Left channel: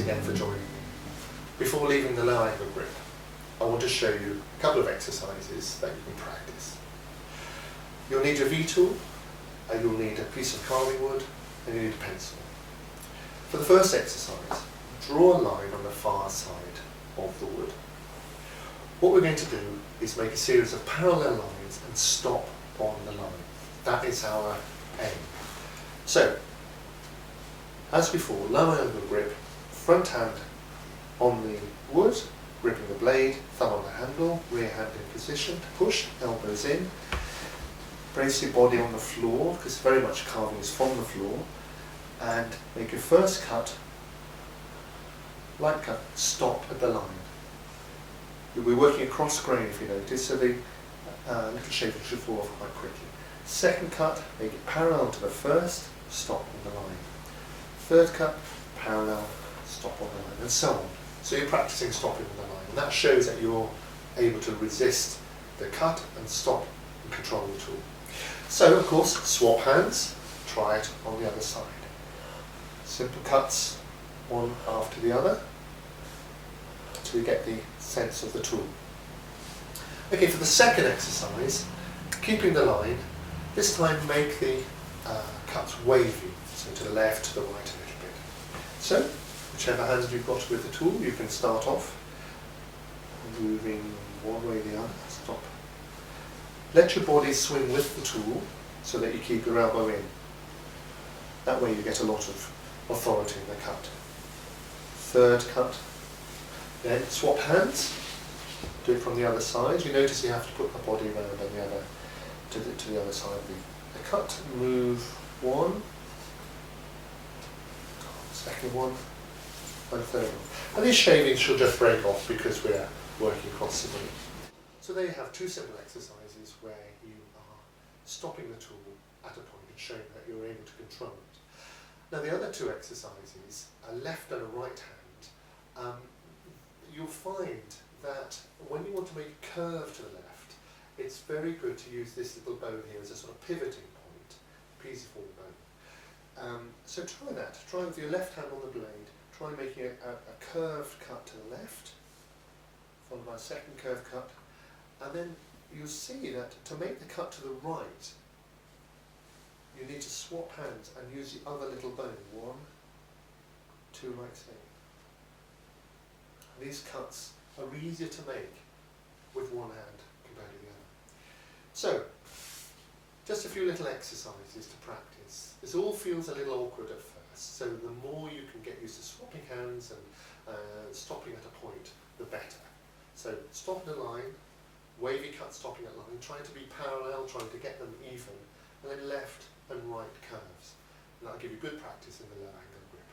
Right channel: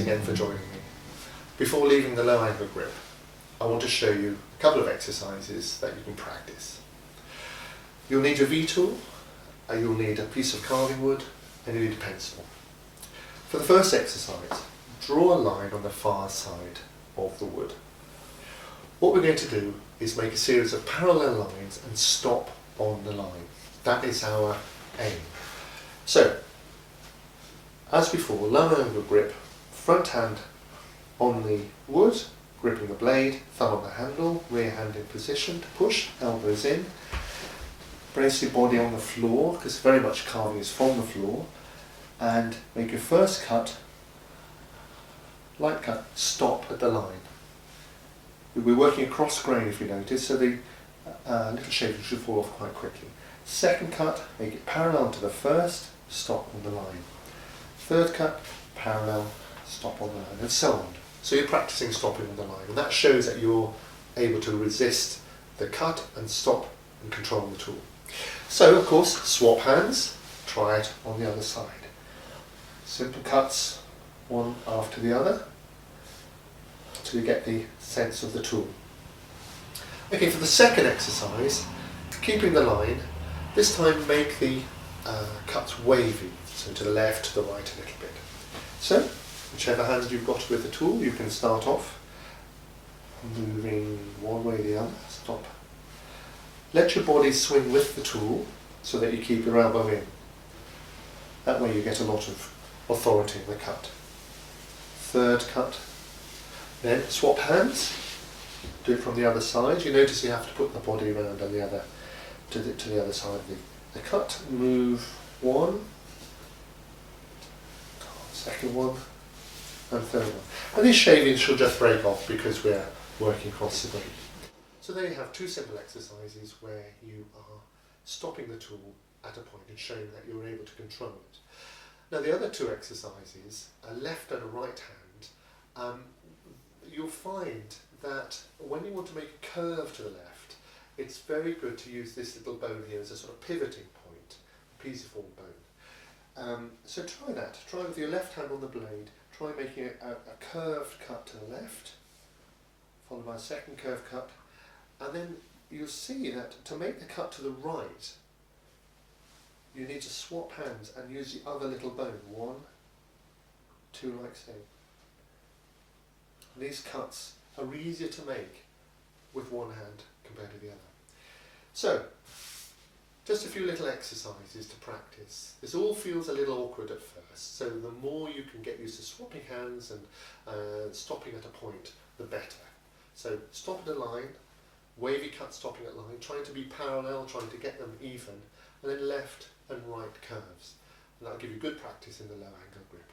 again for joining me. Before leaving the low angle grip, I want to show you a couple of exercises that you can practice. You'll need your V-tool, you'll need a piece of carving wood, and you need a pencil. For the first exercise, draw a line on the far side of the wood. What we're going to do is make a series of parallel lines and stop on the line. That is our aim. So, as before, low angle grip, front hand on the wood, gripping the blade, thumb on the handle, rear hand in position to push, elbows in. Brace your body on the floor, because very much carving is from the floor, and make your first cut, light cut, stop at the line. You'll be working across grain if you notice, so the little shaving should fall off quite quickly. Second cut, make it parallel to the first, stop on the line. Third cut, parallel, stop on the line, and so on. So you're practicing stopping on the line, and that shows that you're able to resist the cut and stop and control the tool. So, of course, swap hands, try it on the other side. Simple cuts, one after the other, until you get the sense of the tool. Okay, for the second exercise, keeping the line, this time make the cuts wavy, so to the left, to the right a little bit. So, whichever hand you've got with the tool, you can start off moving one way or the other, stop. Let your body swing with the tool so that you keep your elbow in. That way you get a lot of authority in the cut. Third cut. Then swap hands. Do it from the other side. You notice you have to put the body around on the other to the other side of the cut. Move one, second one, and third one. And these shavings should just break off because we're working across the grain. So there you have two simple exercises where you are stopping the tool at a point and showing that you're able to control it. Now the other two exercises, a left and a right hand, you'll find that when you want to make a curve to the left, it's very good to use this little bone here as a sort of pivoting point, pisiform bone. So try that. Try with your left hand on the blade. Try making a curved cut to the left, followed by a second curved cut, and then you'll see that to make the cut to the right, you need to swap hands and use the other little bone. One, two, like so. And these cuts are easier to make with one hand compared to the other. So, just a few little exercises to practice. This all feels a little awkward at first, so the more you can get used to swapping hands and stopping at a point, the better. So, stop at a line, wavy cut stopping at line, trying to be parallel, trying to get them even, and then left and right curves. And that'll give you good practice in the low angle grip.